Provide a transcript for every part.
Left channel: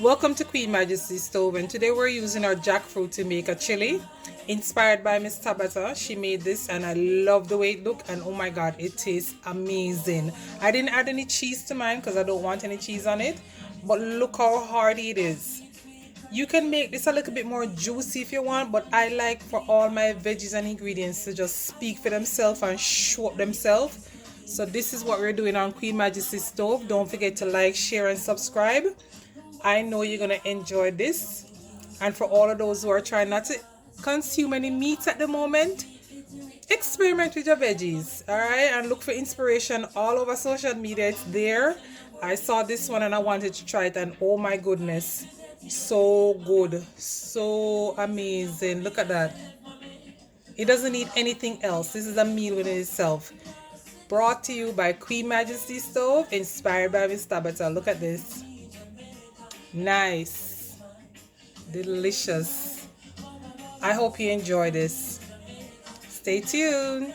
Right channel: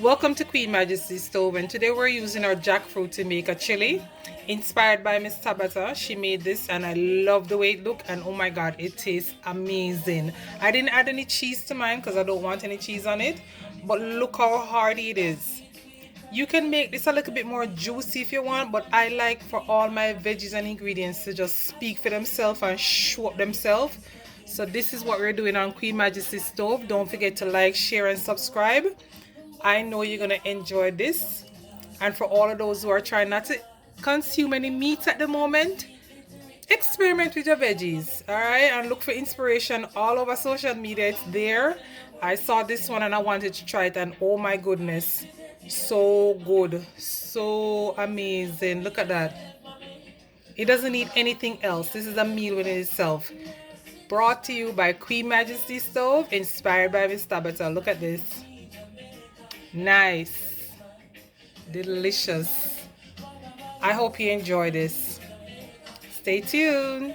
Welcome to Queen Majesty Stove, and today we're using our jackfruit to make a chili inspired by Miss Tabata. She made this and I love the way it looked, and oh my god, it tastes amazing. I didn't add any cheese to mine because I don't want any cheese on it, but look how hearty it is. You can make this a little bit more juicy if you want, but I like for all my veggies and ingredients to just speak for themselves and show up themselves. So this is what we're doing on Queen Majesty Stove. Don't forget to like, share, and subscribe. I know you're going to enjoy this. And for all of those who are trying not to consume any meat at the moment, experiment with your veggies, all right? And look for inspiration all over social media. It's there. I saw this one and I wanted to try it, and oh my goodness, so good, so amazing. Look at that. It doesn't need anything else. This is a meal within itself. Brought to you by Queen Majesty Stove, inspired by Miss Tabata. Look at this. Nice, delicious. I hope you enjoy this. Stay tuned.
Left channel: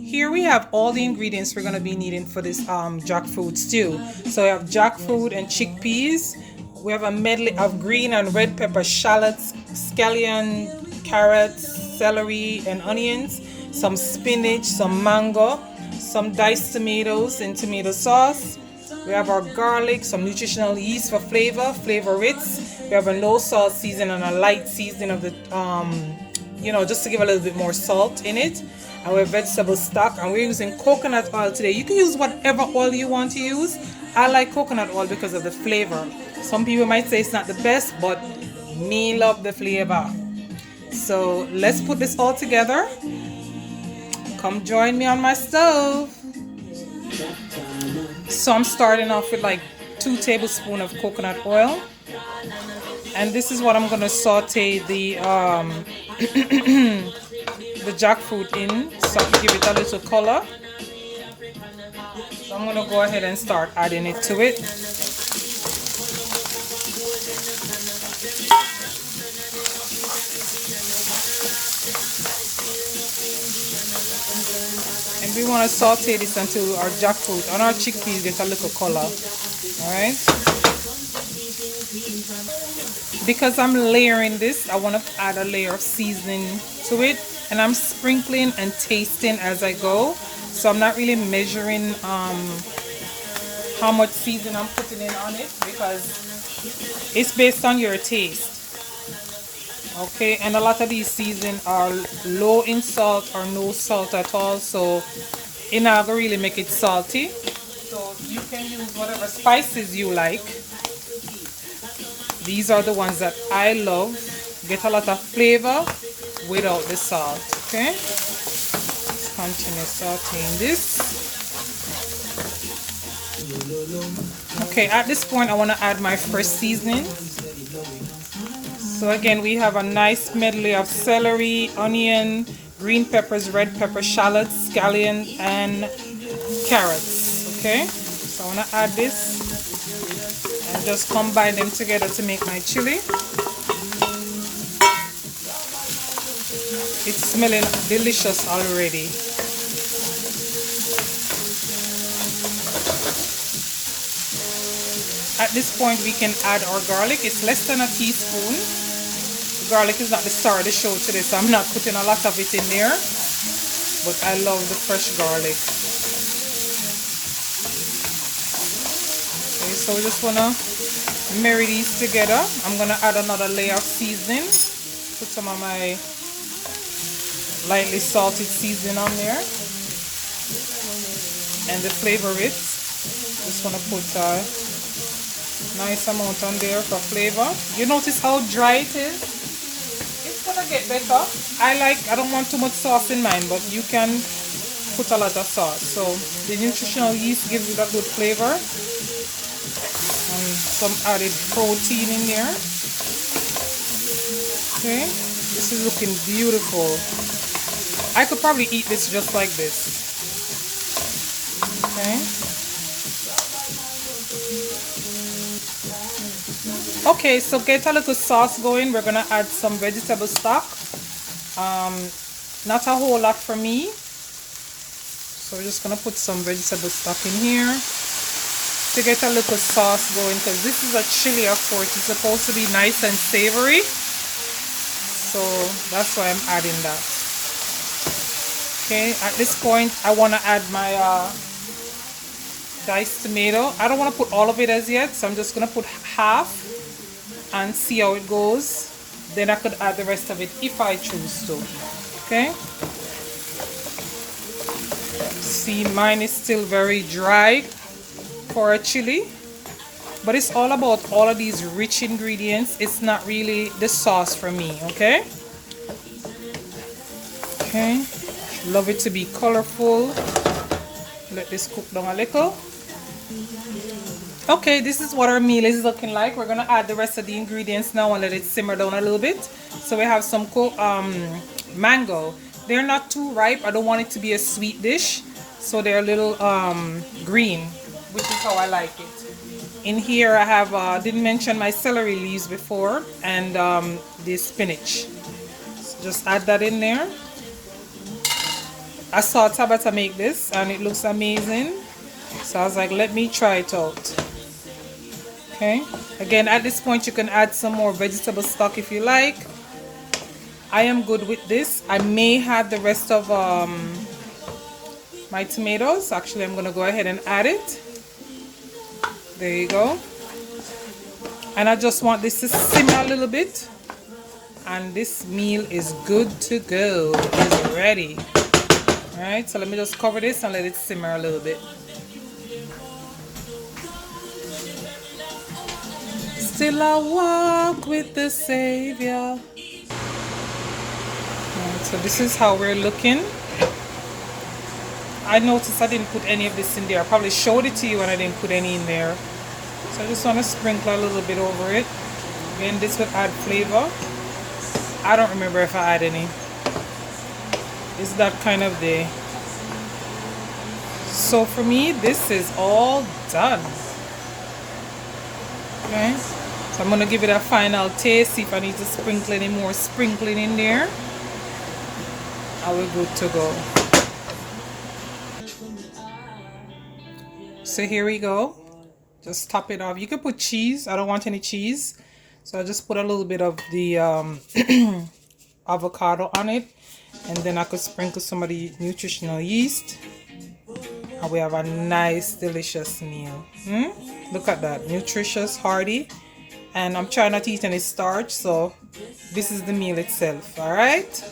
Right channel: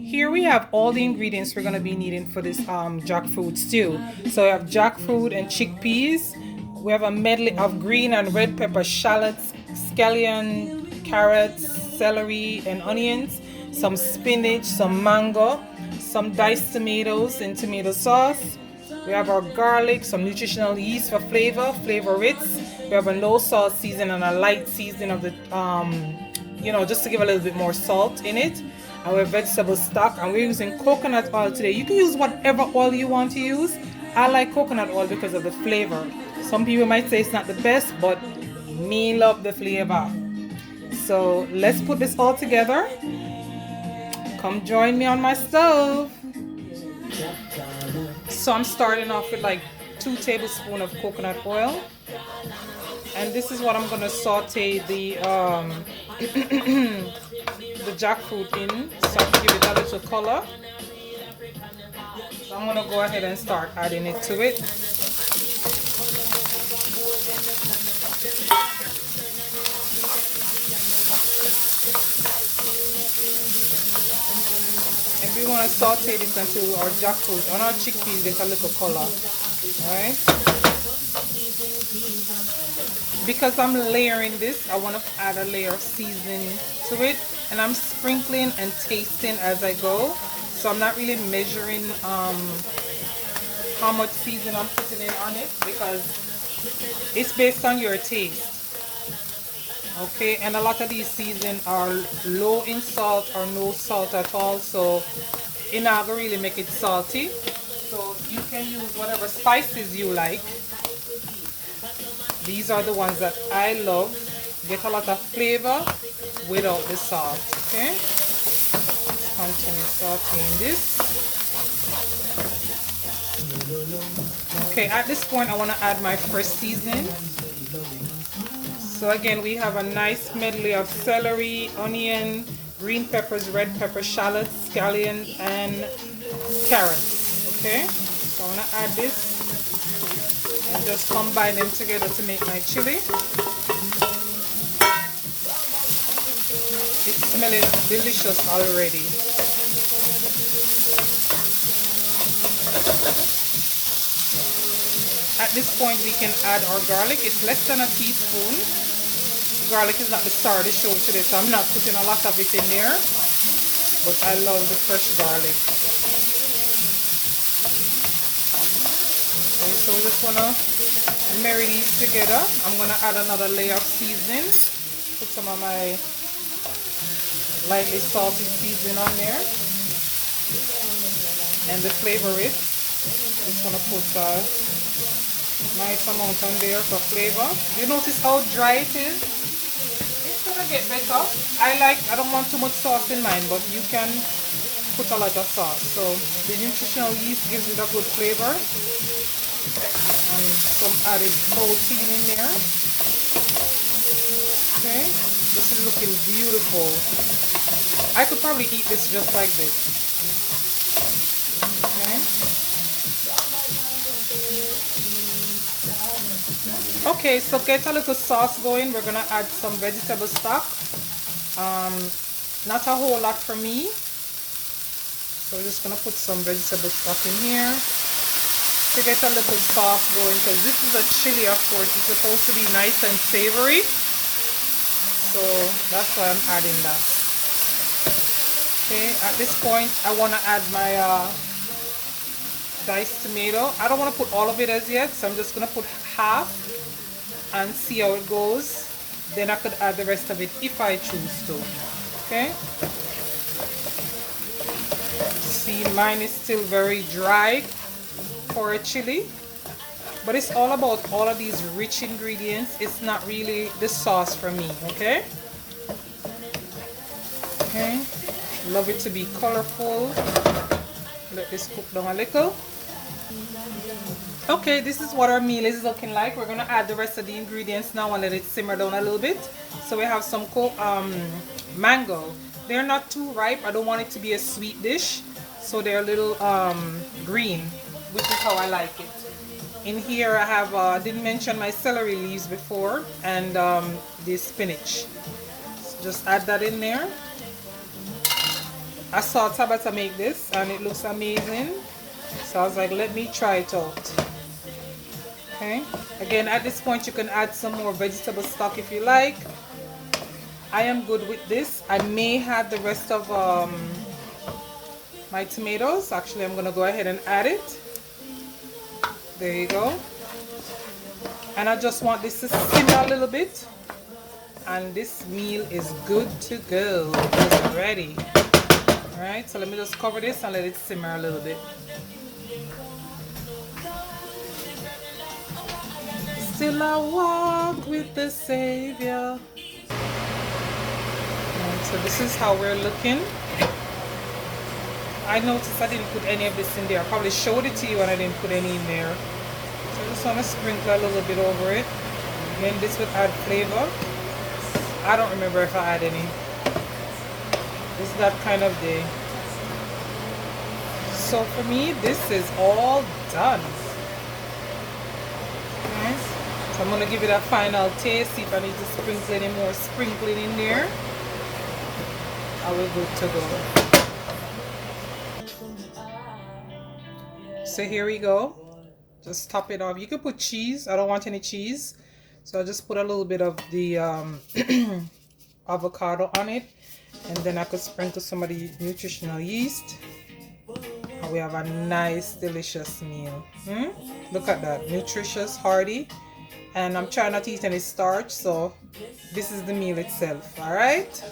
Here we have all the ingredients we're going to be needing for this jackfruit stew. So we have jackfruit and chickpeas. We have a medley of green and red pepper, shallots, scallion, carrots, celery, and onions, some spinach, some mango, some diced tomatoes in tomato sauce. We have our garlic, some nutritional yeast for flavor Ritz. We have a no salt season and a light seasoning of the, just to give a little bit more salt in it. And we have vegetable stock, and we're using coconut oil today. You can use whatever oil you want to use. I like coconut oil because of the flavor. Some people might say it's not the best, but me love the flavor. So let's put this all together. Come join me on my stove. So I'm starting off with like 2 tablespoons of coconut oil. And this is what I'm going to saute the the jackfruit in, so to give it a little color. So I'm going to go ahead and start adding it to it. And we want to saute this until our jackfruit and our chickpeas get a little color. Alright? Because I'm layering this, I want to add a layer of seasoning to it, and I'm sprinkling and tasting as I go. So I'm not really measuring how much seasoning I'm putting in on it, because it's based on your taste. Okay, and a lot of these seasonings are low in salt or no salt at all, so it's not gonna really make it salty. So you can use whatever spices you like. These are the ones that I love. Get a lot of flavor without the salt. Okay, continue sauteing this. Okay, at this point I want to add my fresh seasoning. So again, we have a nice medley of celery, onion, green peppers, red pepper, shallots, scallions, and carrots. Okay, so I want to add this and just combine them together to make my chili. It's smelling delicious already. At this point we can add our garlic. It's less than a teaspoon. The garlic is not the star of the show today, so I'm not putting a lot of it in there, but I love the fresh garlic. Okay, so we just want to marry these together. I'm going to add another layer of seasoning. Put some of my lightly salted seasoning on there. And the flavor Ritz. Just want to put a nice amount on there for flavor. You notice how dry it is? It's going to get better. I don't want too much sauce in mine, but you can put a lot of sauce. So the nutritional yeast gives it a good flavor. And some added protein in there. Okay, this is looking beautiful. I could probably eat this just like this. Okay. Okay, so get a little sauce going. We're gonna add some vegetable stock. Not a whole lot for me. So we're just gonna put some vegetable stock in here to get a little sauce going, because this is a chili, of course. It's supposed to be nice and savory. So that's why I'm adding that. Okay, at this point I want to add my diced tomato. I don't want to put all of it as yet, so I'm just going to put half and see how it goes. Then I could add the rest of it if I choose to. Okay, see, mine is still very dry for a chili, but it's all about all of these rich ingredients. It's not really the sauce for me. Okay, love it to be colorful. Let this cook down a little. Okay, this is what our meal is looking like. We're gonna add the rest of the ingredients now and let it simmer down a little bit. So we have some mango. They're not too ripe. I don't want it to be a sweet dish, so they're a little green, which is how I like it. In here I have didn't mention my celery leaves before, and the spinach. So just add that in there. I saw Tabata make this and it looks amazing, so I was like, let me try it out. Okay, again, at this point you can add some more vegetable stock if you like. I am good with this. I may have the rest of my tomatoes. Actually, I'm gonna go ahead and add it. There you go. And I just want this to simmer a little bit, and this meal is good to go. It's ready. Alright, so let me just cover this and let it simmer a little bit. Still I walk with the Savior. Right, so this is how we're looking. I noticed I didn't put any of this in there. I probably showed it to you and I didn't put any in there. So I just want to sprinkle a little bit over it. Again, this will add flavor. I don't remember if I add any. It's that kind of day. So for me, this is all done. Okay, so I'm gonna give it a final taste, see if I need to sprinkle any more sprinkling in there. Are we good to go? So here we go. Just top it off. You can put cheese. I don't want any cheese, so I just put a little bit of the avocado on it, and then I could sprinkle some of the nutritional yeast, and we have a nice delicious meal. Look at that, nutritious, hearty, and I'm trying not to eat any starch, so this is the meal itself. All right.